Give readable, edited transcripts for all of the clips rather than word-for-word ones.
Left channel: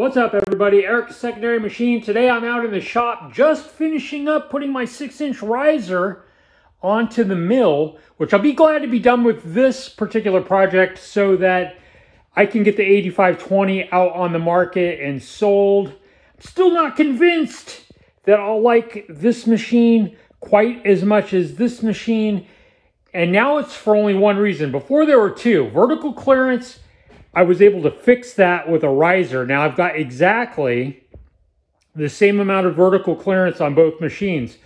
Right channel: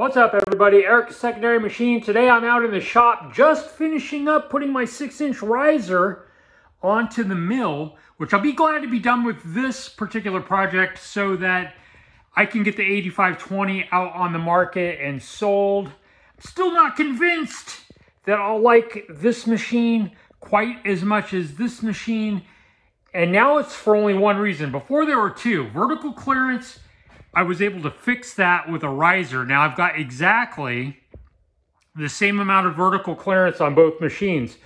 What's up, everybody? Eric Secondary Machine. Today I'm out in the shop just finishing up putting my 6-inch riser onto the mill, which I'll be glad to be done with this particular project so that I can get the 8520 out on the market and sold. I'm still not convinced that I'll like this machine quite as much as this machine, and now it's for only one reason. Before there were two. Vertical clearance, I was able to fix that with a riser. Now I've got exactly the same amount of vertical clearance on both machines.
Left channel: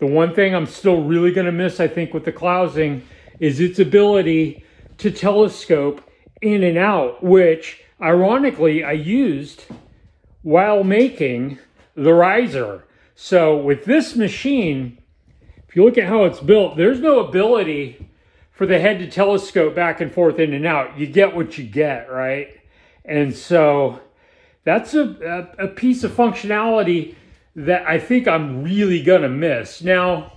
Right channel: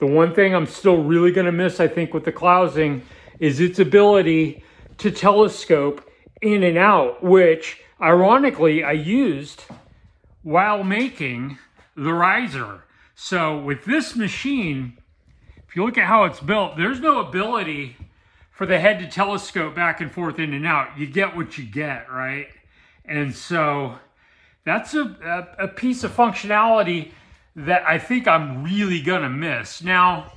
The one thing I'm still really going to miss, I think, with the Clowsing is its ability to telescope in and out, which ironically I used while making the riser. So with this machine, if you look at how it's built, there's no ability for the head to telescope back and forth in and out. You get what you get, right? And so that's a piece of functionality that I think I'm really gonna miss. Now,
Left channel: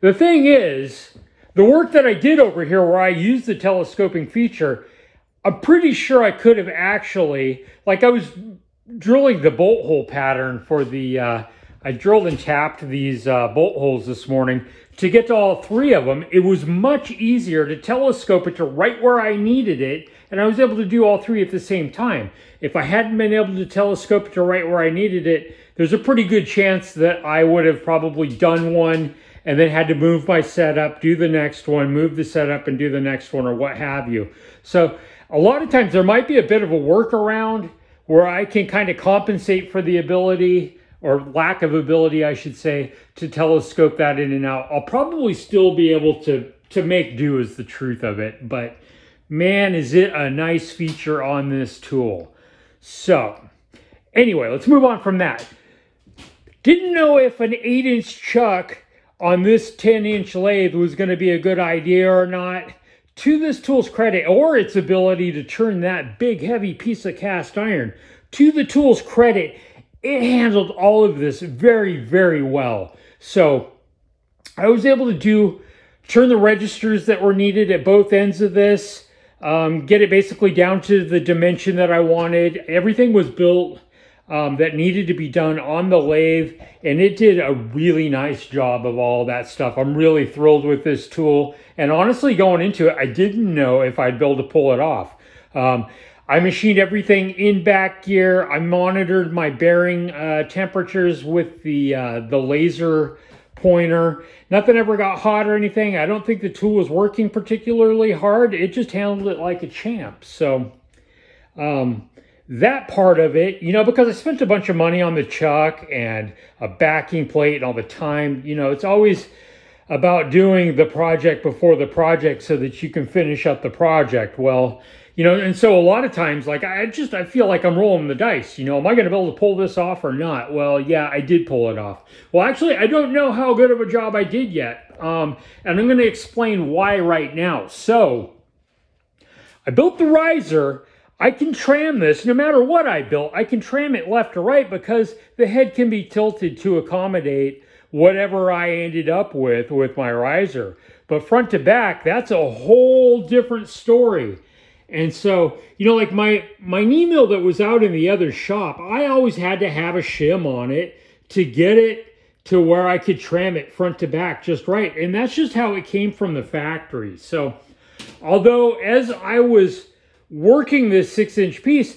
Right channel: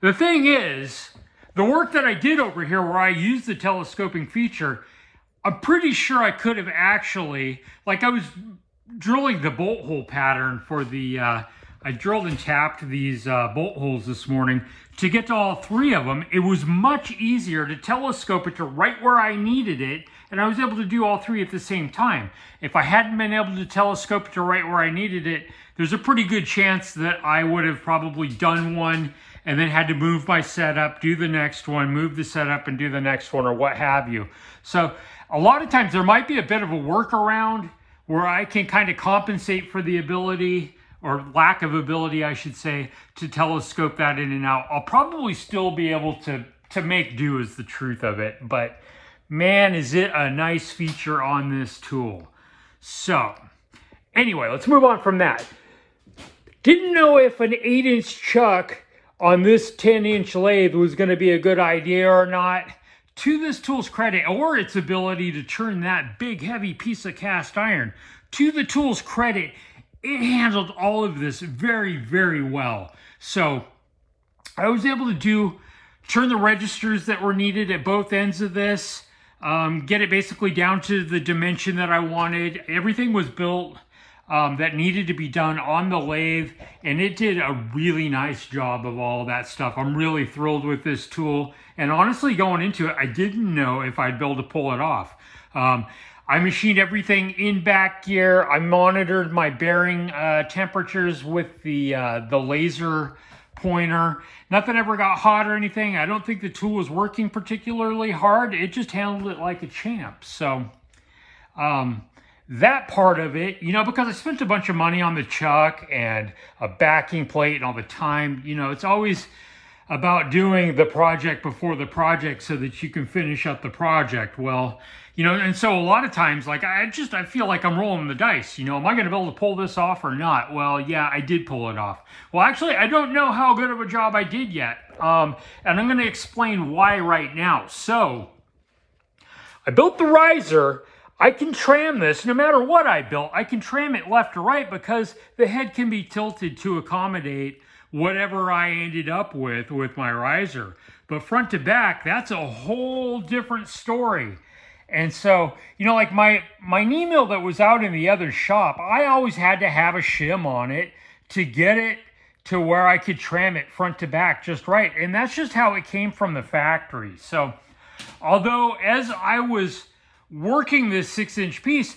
the thing is, the work that I did over here where I used the telescoping feature, I'm pretty sure I could have actually, like I was drilling the bolt hole pattern for the, I drilled and tapped these bolt holes this morning to get to all three of them. It was much easier to telescope it to right where I needed it, and I was able to do all three at the same time. If I hadn't been able to telescope it to right where I needed it, there's a pretty good chance that I would have probably done one and then had to move my setup, do the next one, move the setup and do the next one, or what have you. So a lot of times there might be a bit of a workaround where I can kind of compensate for the ability, or lack of ability, I should say, to telescope that in and out. I'll probably still be able to make do is the truth of it, but man, is it a nice feature on this tool. So anyway, let's move on from that. Didn't know if an 8-inch chuck on this 10-inch lathe was gonna be a good idea or not. To this tool's credit, or its ability to turn that big heavy piece of cast iron, to the tool's credit, it handled all of this very, very well. So I was able to turn the registers that were needed at both ends of this, get it basically down to the dimension that I wanted. Everything was built that needed to be done on the lathe, and it did a really nice job of all that stuff. I'm really thrilled with this tool, and honestly, going into it, I didn't know if I'd be able to pull it off. I machined everything in back gear. I monitored my bearing temperatures with the laser pointer. Nothing ever got hot or anything. I don't think the tool was working particularly hard. It just handled it like a champ. So that part of it, you know, because I spent a bunch of money on the chuck and a backing plate and all the time, you know, it's always about doing the project before the project so that you can finish up the project. Well, you know, and so a lot of times, like, I feel like I'm rolling the dice, you know, am I going to be able to pull this off or not? Well, yeah, I did pull it off. Well, actually, I don't know how good of a job I did yet. And I'm going to explain why right now. So I built the riser. I can tram this, no matter what I built, I can tram it left or right because the head can be tilted to accommodate whatever I ended up with my riser. But front to back, that's a whole different story. And so, you know, like my knee mill that was out in the other shop, I always had to have a shim on it to get it to where I could tram it front to back just right. And that's just how it came from the factory. So although as I was working this 6-inch piece,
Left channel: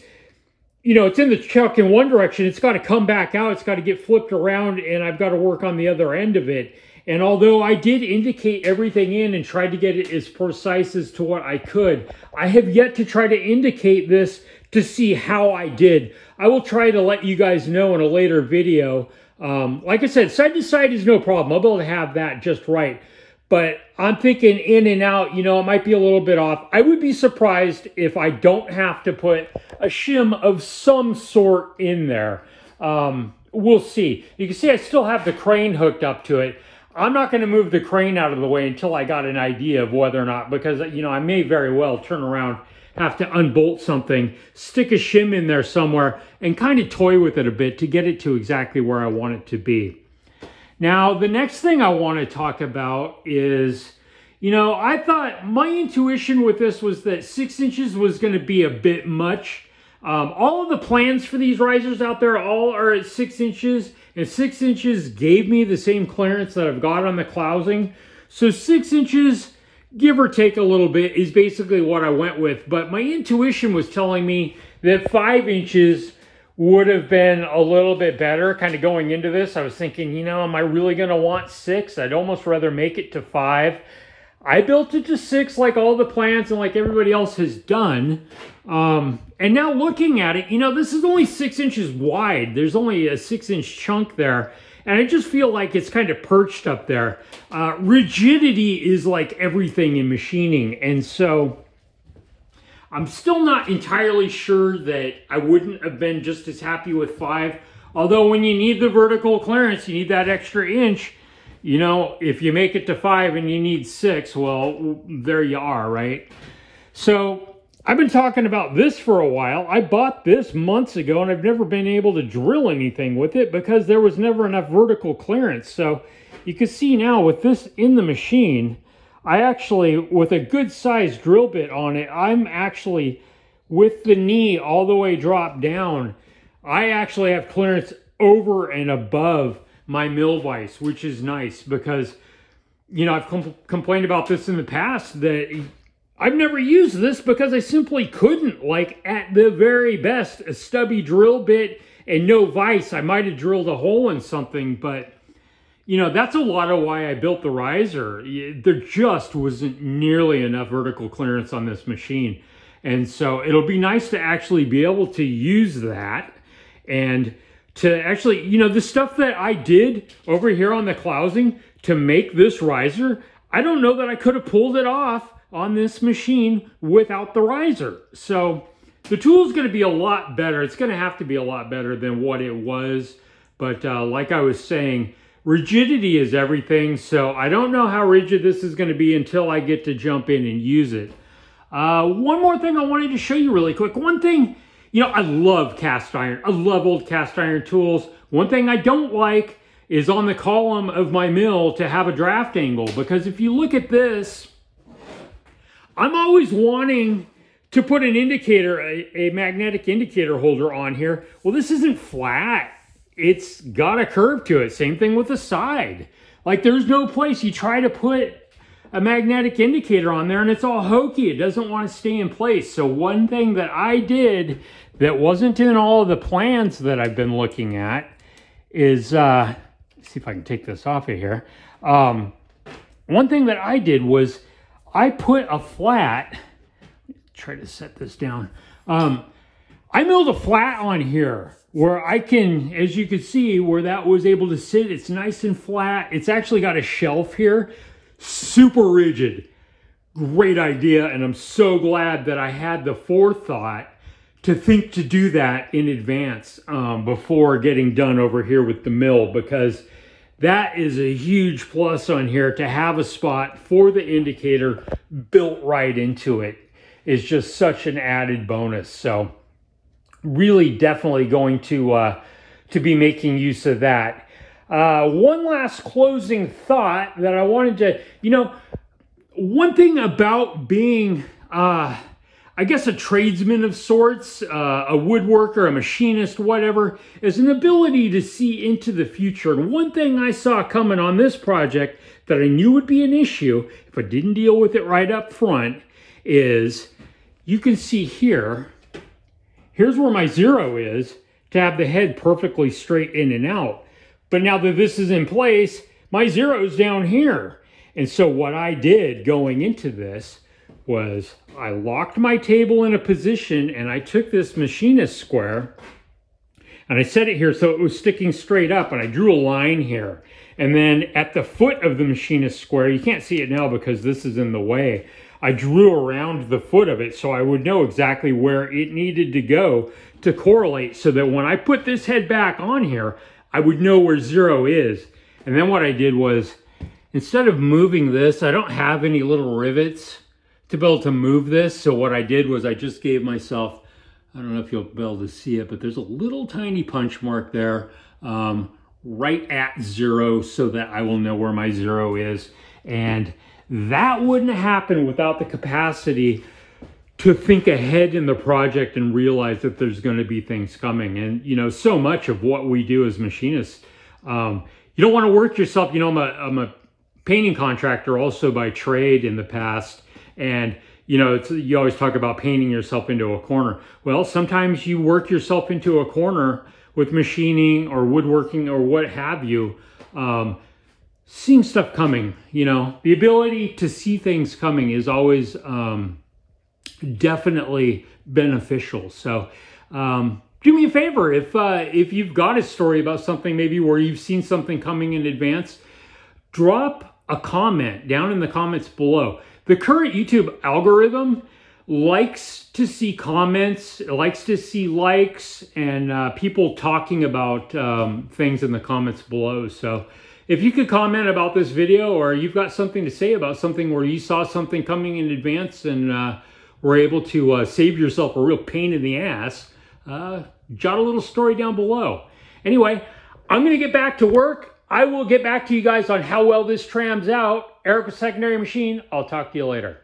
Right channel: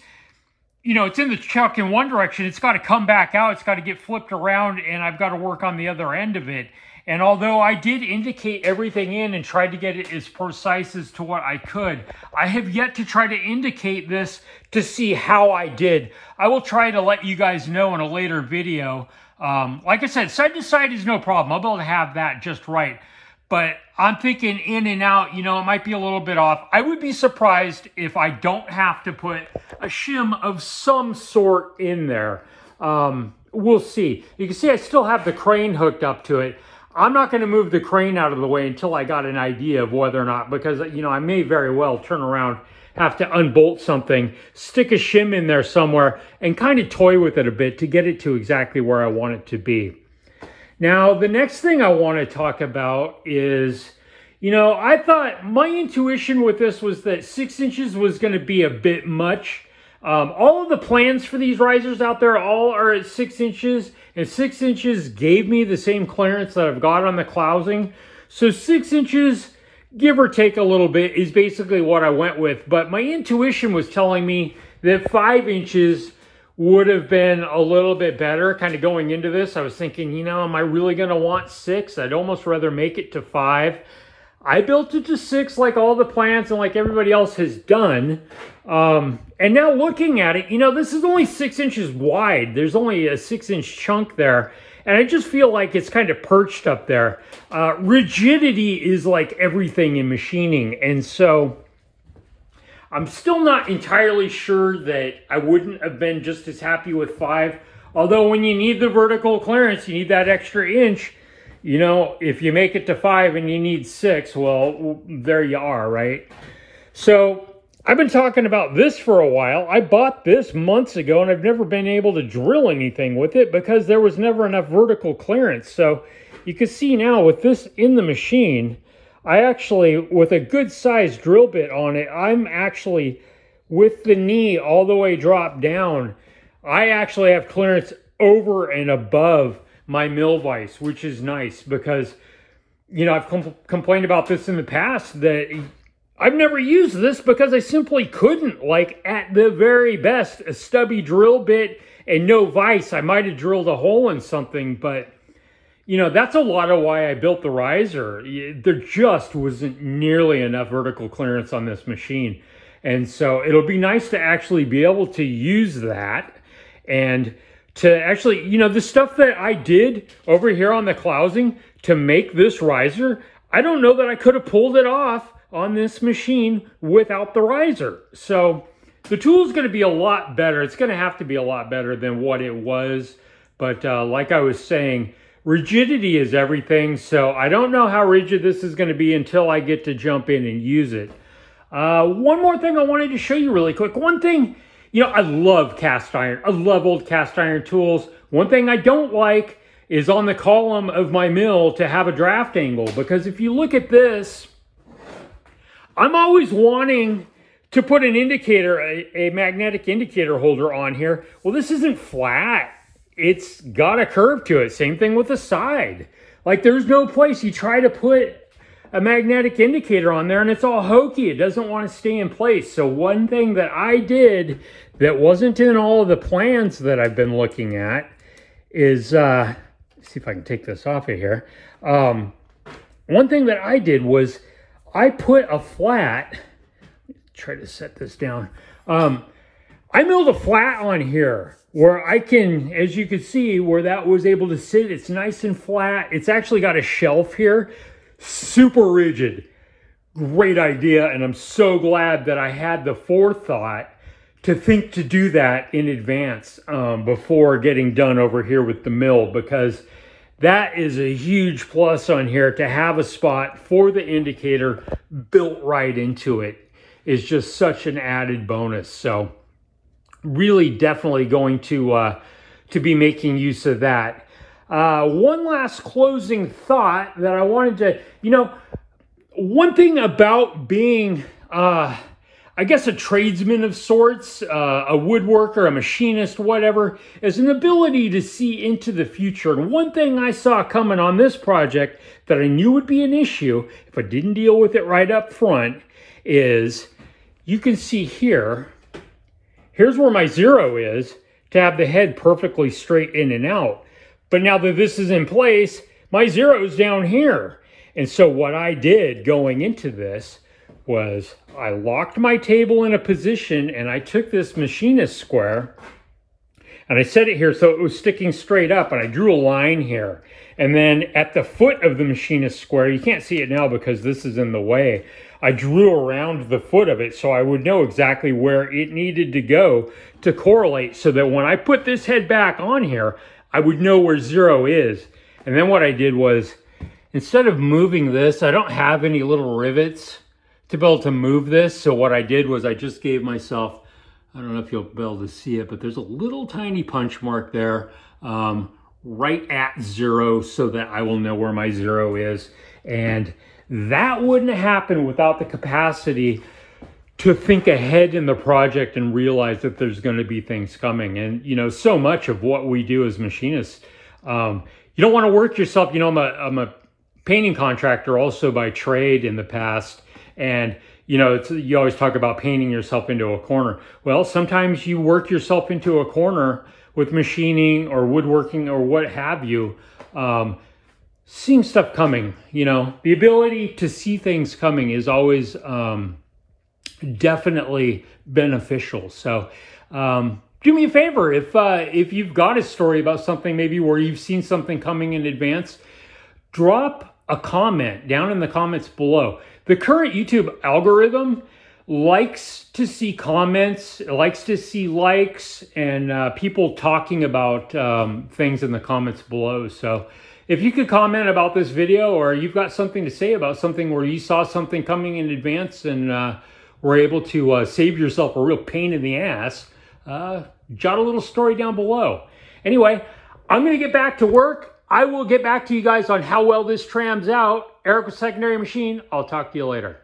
you know, it's in the chuck in one direction, it's got to come back out, it's got to get flipped around, and I've got to work on the other end of it. And although I did indicate everything in and tried to get it as precise as to what I could, I have yet to try to indicate this to see how I did. I will try to let you guys know in a later video. Like I said, side to side is no problem. I'll be able to have that just right. But I'm thinking in and out, you know, it might be a little bit off. I would be surprised if I don't have to put a shim of some sort in there. We'll see. You can see I still have the crane hooked up to it. I'm not going to move the crane out of the way until I got an idea of whether or not, because, you know, I may very well turn around, have to unbolt something, stick a shim in there somewhere, and kind of toy with it a bit to get it to exactly where I want it to be. Now, the next thing I want to talk about is, you know, I thought my intuition with this was that 6 inches was going to be a bit much. All of the plans for these risers out there all are at 6 inches, and 6 inches gave me the same clearance that I've got on the clousing. So 6 inches, give or take a little bit, is basically what I went with. But my intuition was telling me that 5 inches would have been a little bit better. Kind of going into this, I was thinking, you know, am I really going to want 6? I'd almost rather make it to 5. I built it to 6 like all the plans and like everybody else has done. And now looking at it, you know, this is only 6 inches wide. There's only a 6-inch chunk there. And I just feel like it's kind of perched up there. Rigidity is like everything in machining. And so I'm still not entirely sure that I wouldn't have been just as happy with 5. Although when you need the vertical clearance, you need that extra inch. You know, if you make it to 5 and you need 6, well, there you are, right? So I've been talking about this for a while. I bought this months ago and I've never been able to drill anything with it because there was never enough vertical clearance. So you can see now with this in the machine, I actually, with a good sized drill bit on it, I'm actually, with the knee all the way dropped down, I actually have clearance over and above my mill vise, which is nice because, you know, I've complained about this in the past that I've never used this because I simply couldn't. Like, at the very best, a stubby drill bit and no vise, I might have drilled a hole in something, but you know, that's a lot of why I built the riser. There just wasn't nearly enough vertical clearance on this machine. And so it'll be nice to actually be able to use that and to actually, you know, the stuff that I did over here on the clousing to make this riser, I don't know that I could have pulled it off on this machine without the riser. So the tool is going to be a lot better. It's going to have to be a lot better than what it was. But like I was saying, rigidity is everything, so I don't know how rigid this is going to be until I get to jump in and use it. One more thing I wanted to show you really quick. One thing, you know, I love cast iron. I love old cast iron tools. One thing I don't like is on the column of my mill to have a draft angle, because if you look at this, I'm always wanting to put an indicator, a magnetic indicator holder on here. Well, this isn't flat. It's got a curve to it. Same thing with the side. Like, there's no place you try to put a magnetic indicator on there and it's all hokey. It doesn't want to stay in place. So one thing that I did that wasn't in all of the plans that I've been looking at is, let's see if I can take this off of here. One thing that I did was I put a flat, try to set this down. I milled a flat on here where I can, as you can see, where that was able to sit. It's nice and flat. It's actually got a shelf here, super rigid. Great idea, and I'm so glad that I had the forethought to think to do that in advance before getting done over here with the mill, because that is a huge plus on here. To have a spot for the indicator built right into it is just such an added bonus. So really definitely going to be making use of that. One last closing thought that I wanted to, you know, one thing about being, I guess, a tradesman of sorts, a woodworker, a machinist, whatever, is an ability to see into the future. And one thing I saw coming on this project that I knew would be an issue if I didn't deal with it right up front is, you can see here, here's where my zero is, to have the head perfectly straight in and out. But now that this is in place, my zero is down here. And so what I did going into this was I locked my table in a position and I took this machinist square and I set it here so it was sticking straight up, and I drew a line here. And then at the foot of the machinist square, you can't see it now because this is in the way, I drew around the foot of it so I would know exactly where it needed to go to correlate, so that when I put this head back on here, I would know where zero is. And then what I did was, instead of moving this, I don't have any little rivets to be able to move this. So what I did was I just gave myself, I don't know if you'll be able to see it, but there's a little tiny punch mark there right at zero so that I will know where my zero is. And that wouldn't happen without the capacity to think ahead in the project and realize that there's going to be things coming. And, you know, so much of what we do as machinists, you don't want to work yourself. You know, I'm a painting contractor also by trade in the past. And, you know, you always talk about painting yourself into a corner. Well, sometimes you work yourself into a corner with machining or woodworking or what have you, seeing stuff coming. You know, the ability to see things coming is always definitely beneficial. So do me a favor, if you've got a story about something maybe where you've seen something coming in advance, drop a comment down in the comments below. The current YouTube algorithm likes to see comments, likes to see likes, and people talking about things in the comments below. So if you could comment about this video, or you've got something to say about something where you saw something coming in advance and were able to save yourself a real pain in the ass, jot a little story down below. Anyway, I'm going to get back to work. I will get back to you guys on how well this trams out. Eric with Secondary Machine. I'll talk to you later.